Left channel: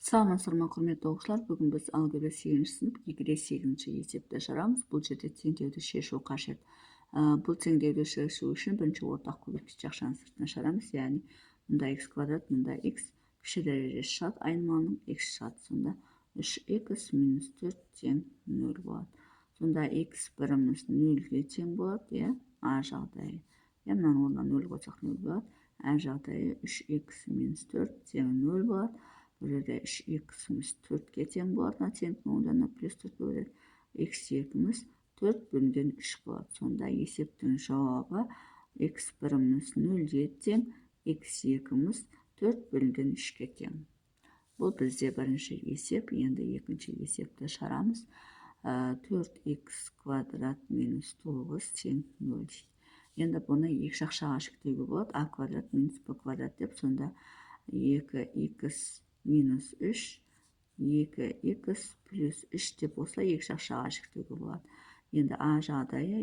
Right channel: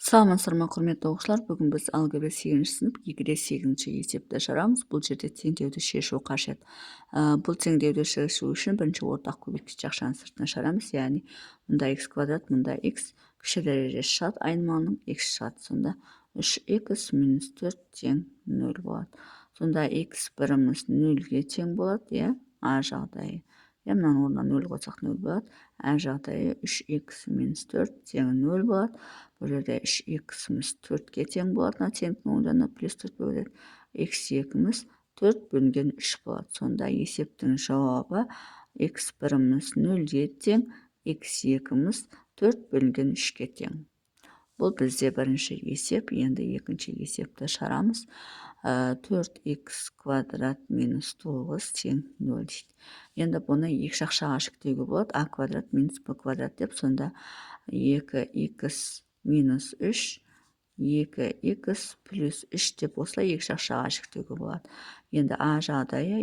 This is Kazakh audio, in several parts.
Саламатсыздар ма, құрметті оқушылар. Бүгін біз алгебра 8-ші сынып 2-де 8-ші есепті шығарамыз. Бұл жерде теңдеуді шешу қажет. Бұл теңдеуді шешу үшін бірінші ортақ көбейткіш ақшаның сыртына шығарамыз. Яғни мұнда x квадрат, мұнда x кіші дәрежесі шығады, айнымалының x шығады. Сонда 3x минус 4 тең 0 болады. Сонда x біріміз 0-ге тең болады, иә, а жағдайы. Мынаны орнына 0 қойсақ 0 болады. А жағдайы 3x минус 4 тең 0 болады. Бұл жерде 3x-іміз 4-ге тең болады. Теңдіктің оң жағына плюс 4 бөледі. x2-іміз 4 бөлінген 3 болады. Сонда есептің жауабы x біріміз 0-ге тең, x2-іміз 4 бөлінген 3-ге тең. Бұл бізде бірінші есеп. Енді екінші есепті шығарамыз. 4x квадрат минус 9 тең 0 дейді. Енді бұны екі жақшаға жіктеуге болады. А квадрат минус b квадрат деп, сонда 2x минус 3, 2x плюс 3 деп осылай екі жақшаға жіктеуге болады. Енді а жағдайы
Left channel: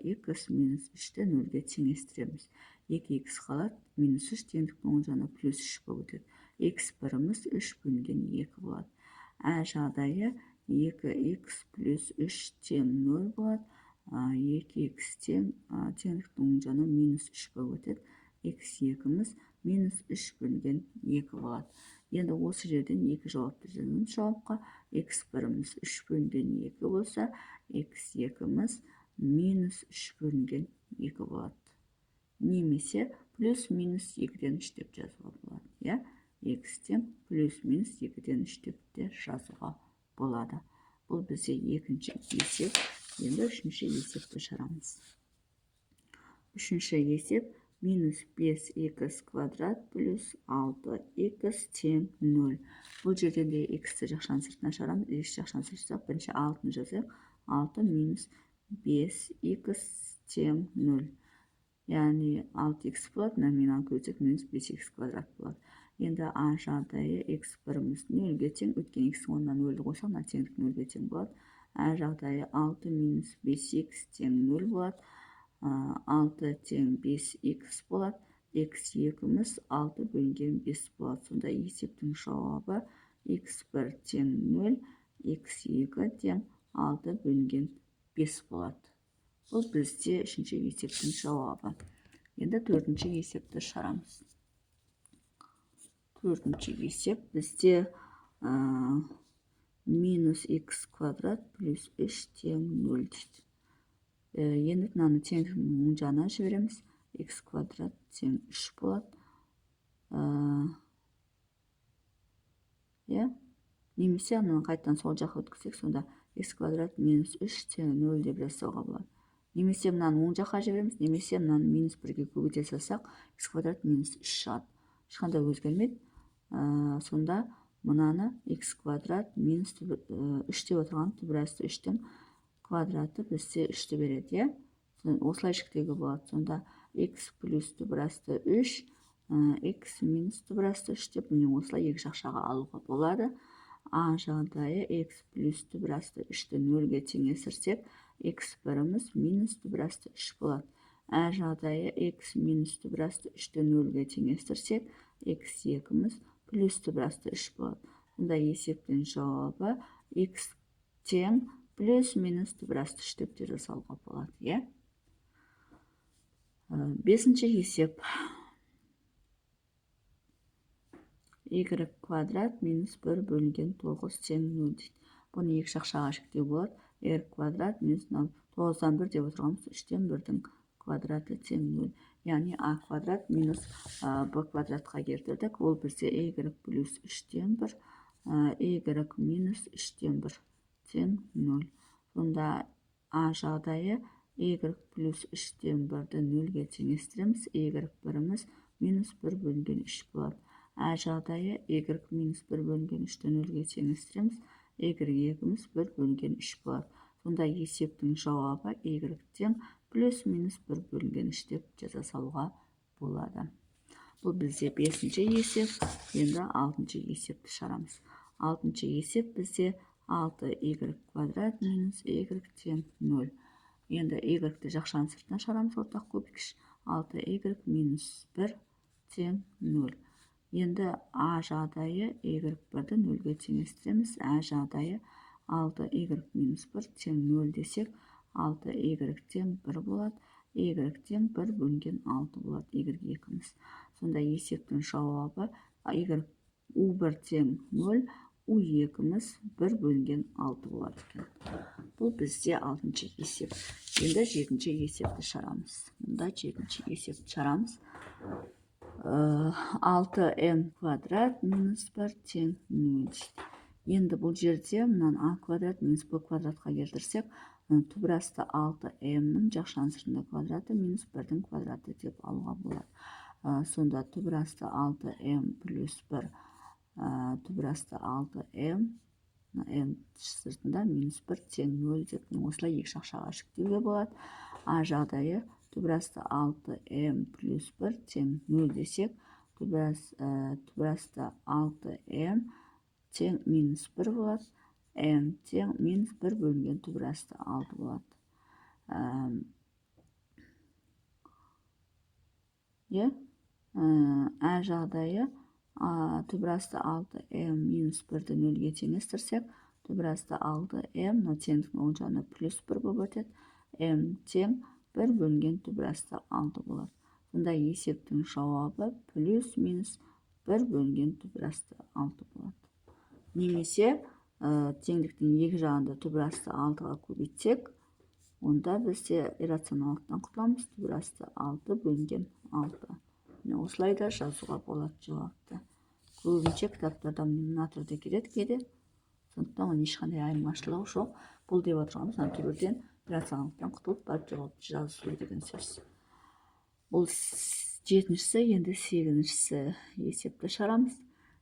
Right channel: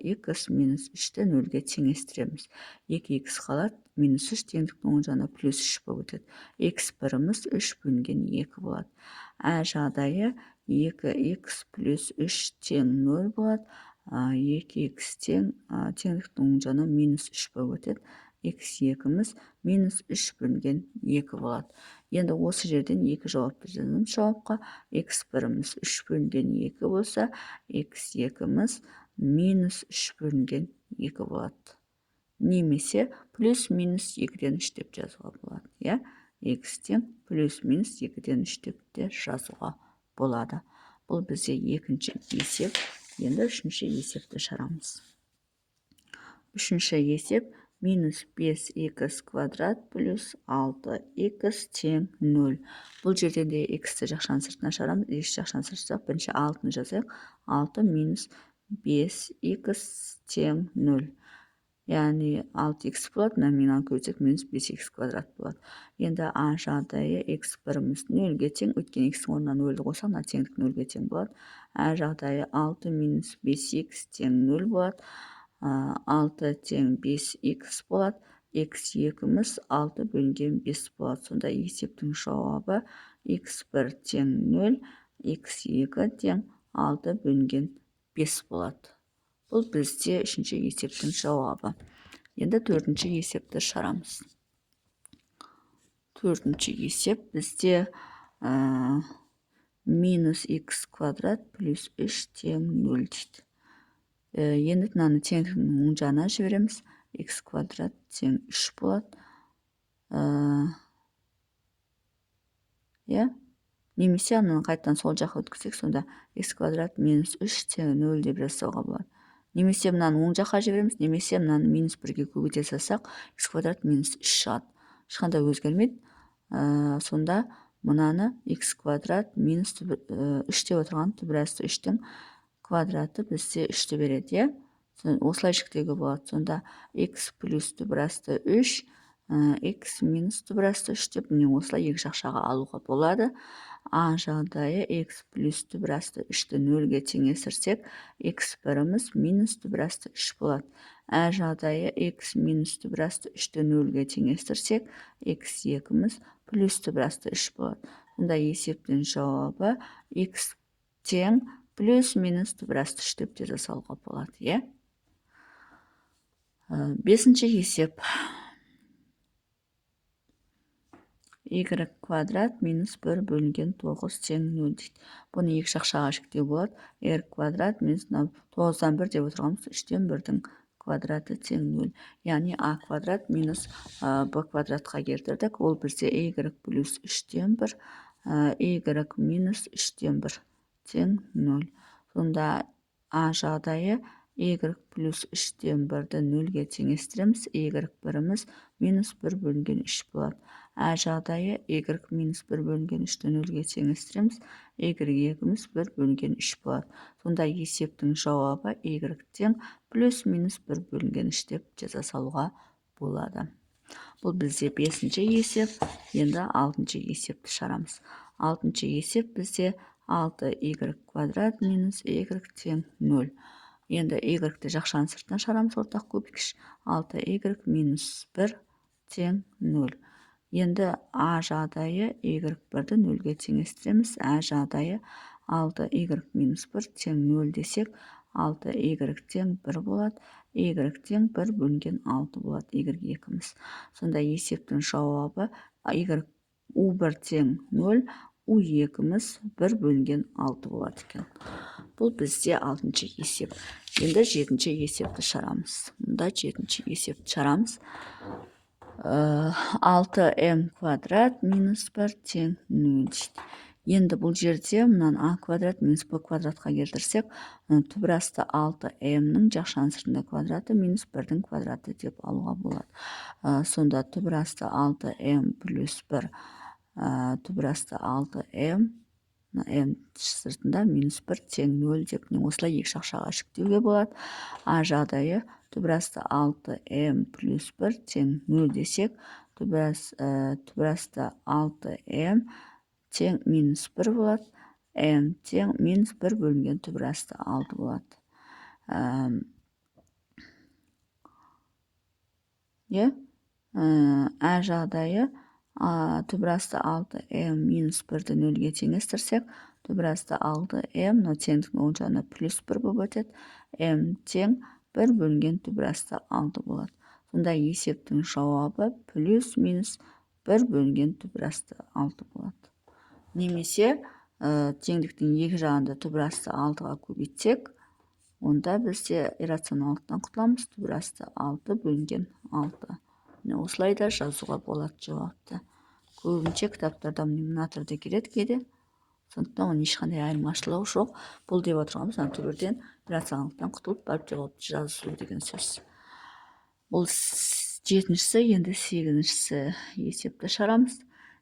2x минус 3-ті 0-ге теңестіреміз. 2x қалады, минус 3 теңдіктің оң жағына плюс 3 болып өтеді. x біріміз 3 бөлінген 2 болады. А жағдайы 2x плюс 3 тең 0 болады. 2x тең теңдіктің оң жағына минус 3 болып өтеді. x2-іміз минус 3 бөлінген 2 болады. Енді осы жерден екі жауап береміз. Жауапқа x біріміз 3 бөлінген 2 болса, x2-іміз минус 3 бөлінген 2 болады. Немесе плюс минус 2-ден 3 деп жазуға болады. X тең плюс минус 2-ден 3 деп те жазуға болады. Бұл бізде екінші есеп. Енді үшінші есепті шығарамыз. Үшінші есеп минус 5x квадрат плюс 6x тең 0. Бұл жерде де x-ті жақшаның сыртына шығарамыз. X жақшаның сыртына бірінші 6-ны жазайық. 6 минус 5x тең 0. Яғни 6x болады, номинал көбейтсек минус 5x квадрат болады. Енді а жағдайы x біріміз 0-ге тең, өткен x-ің орнына 0-ді қойсақ, теңдік 0-ге тең болады. А жағдайы 6 минус 5x тең 0 болады. 6 тең 5x болады. x2-іміз 6 бөлінген 5 болады. Сонда есептің жауабы x1 тең 0, x2 тең 6 бөлінген 5 болады. Бұл бізде үшінші есептің жауабы. Енді төртінші есепті шығарамыз. Төртінші есеп бізде минус x квадрат плюс 3 тең 0 дейді. Енді мынаны теңдіктің оң жағына жібереміз. X квадрат тең 3 болады. Немесе ананы қайтадан сол жаққа өткізсек, сонда x квадрат минус 3 тең 0 деп жасауға болады. Немесе мынаны оң жаққа жібереміз, немесе мынаны минус 1-ге көбейте салсақ, x квадрат минус 3 шығады. Ешқандай өзгермейді. Сонда мынаны x квадрат минус 3 деп отырған түбірасты 3-тің квадраты бізде 3-ті береді. Осылай жіктеуге болады. Сонда x плюс түбірасты 3, x минус түбірасты 3 деп, міне осылай екі жақшаға алуға болады. А жағдайы x плюс түбірасты 3-ті 0-ге теңестірсек, x біріміз минус түбірасты 3 болады. А жағдайы x минус түбірасты 3-ті 0-ге теңестірсек, x2-іміз плюс түбірасты 3 болады. Сонда есептің жауабы x тең плюс минус түбірасты 3 деп те жасауға болады. Бесінші есеп. Y квадрат минус 1 бөлінген 9 тең 0 дейді. Бұны екі жақшаға жіктеу болады. R квадрат минус 9-дан 1 деп отырғанымыз 3-тен 1-дің квадраты тең 0. Яғни а квадрат минус b квадратқа келтірдік. Ол бізде y плюс 3-тен 1, y минус 3-тен 1 тең 0. Сонда а жағдайы y плюс 3-тен 1-ді 0-ге теңестіреміз. Y біріміз минус 1 бөлінген 3 болады. А жағдайы y минус 1 бөлінген 3-ті 0-ге теңестіреміз. y2-іміз 1 бөлінген 3 болады. Сонда есептің жауабы y тең плюс минус 1 бөлінген 3 деп жаза салуға болады. Бұл бізде бесінші есеп. Енді алтыншы есепті шығарамыз. Алтыншы есеп бізде 6y квадрат минус y тең 0. Енді y-ті жақшаның сыртына шығарамыз, ортақ көбейткіш. 6y минус 1 тең 0. Енді а жағдайы y1-ді 0-ге теңестіреміз. А жағдайы 6y минус 1 тең 0 десек, 6y тең 1 болады. Y тең 1 бөлінген 6 болады. Y2-міз. Сонда есептің жауабы u1 тең 0, u2-міз 1 бөлінген 6 болады екен. Бұл бізде 6-шы есеп. Енді 7-ші есепті шығарамыз. Мұнда 7-ші есепті шығарамыз. 6m квадрат минус 1 тең 0 дейді. Енді бұл жерде мұнан а квадрат минус b квадратқа келтірсек, түбірасты 6m-нің жақшаның сыртында квадраты минус 1-дің квадраты деп алуға болады. Сонда түбірасты 6m плюс 1, түбірасты 6m, m сыртында минус 1 тең 0 деп осылай екі шақшаға шектеуге болады. А жағдайы түбірасты 6m плюс 1 тең 0 десек, түбірасты 6m тең минус 1 болады. m тең минус 1 бөлінген түбірасты 6 болады. А жағдайы түбірасты 6m минус 1-ді 0-ге теңестірсек, түбірасты 6m, теңдіктің оң жағына плюс 1 болып өтеді. m тең 1 бөлінген түбірасты 6 болады. Сонда есептің жауабы плюс минус 1 бөлінген түбірасты 6 болады. Немесе теңдіктің екі жағында түбірасты 6-ға көбейтсек, онда бізде иррационалдықтан құтыламыз. Түбірасты 6 бөлінген 6. Осылай да жазуға болады жауапты. Көбінше кітаптарда мына түрде келеді кейде. Сондықтан оның ешқандай айырмашылығы жоқ. Бұл деп отырғанымыз мына түбірден иррационалдықтан құтылып барып жауапты жазу деген сөз. Бұл 7-шісі, енді 8-шісі есепті шығарамыз.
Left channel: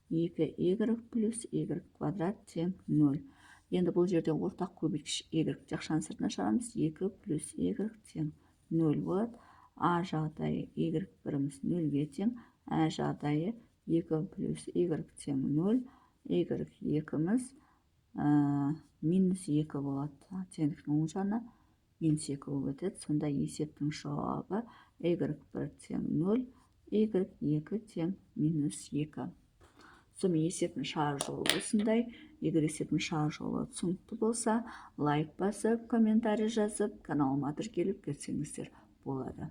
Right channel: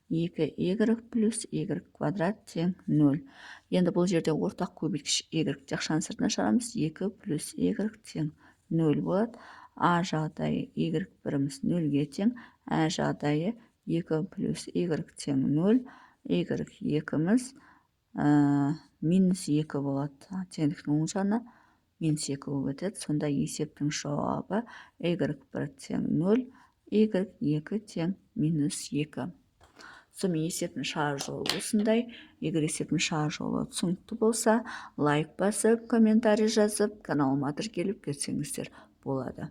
2y плюс y квадрат тең 0. Енді бұл жерде ортақ көбейткіш y жақшаның сыртына шығарамыз. 2 плюс y тең 0 болады. А жағдайы y1-міз 0-ге тең. А жағдайы 2 плюс y тең 0. y2-міз минус 2 болады. Теңдіктің оң жағына минус 2 болып өтеді. Сонда есептің жауабы y1 тең 0, y2 тең минус 2. Сонымен есептің шығару жолы осындай. Егер есептің шығару жолы түсінікті болса, лайк басып, комментарий жазып, каналыма тіркеліп кетсеңіздер болады.